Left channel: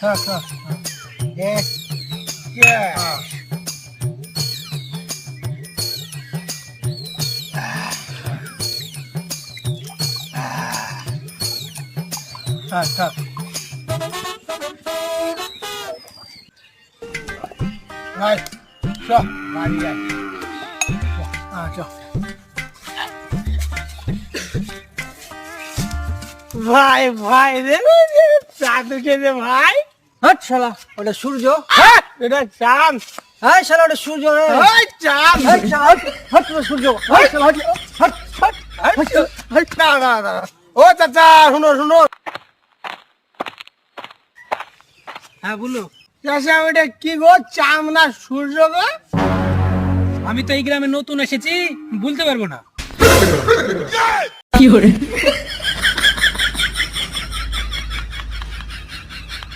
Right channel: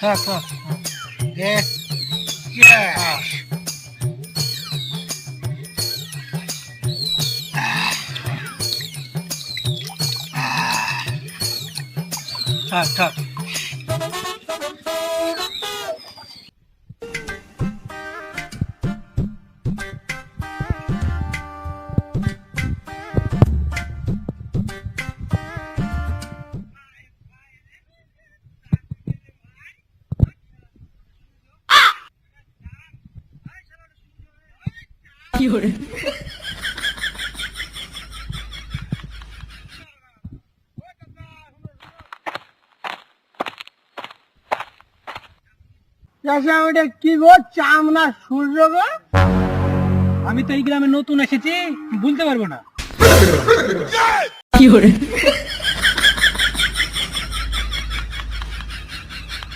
হ্যাঁ হ্যাঁ হ্যাঁ থাক ভাই চল বাড়ি যাই হ্যাঁ চল ভাই ভাই রে চাঁদ উঠেছে ভাই হট শালা ওটা সূর্য। এটা চাঁদ হ্যাঁ শালা ওটা সূর্য রে। ওই চাঁদ হট শালা, হট ওটা সূর্য। হট শালা, হট, হট, হট। না ও চাচা শুনো শুনো হ্যাঁ বলো। চাচা ওটা কি গো চাঁদ না সূর্য গো আমি তো এই গ্রামে নতুন এসেছি, বলতে পারবো না। কি করে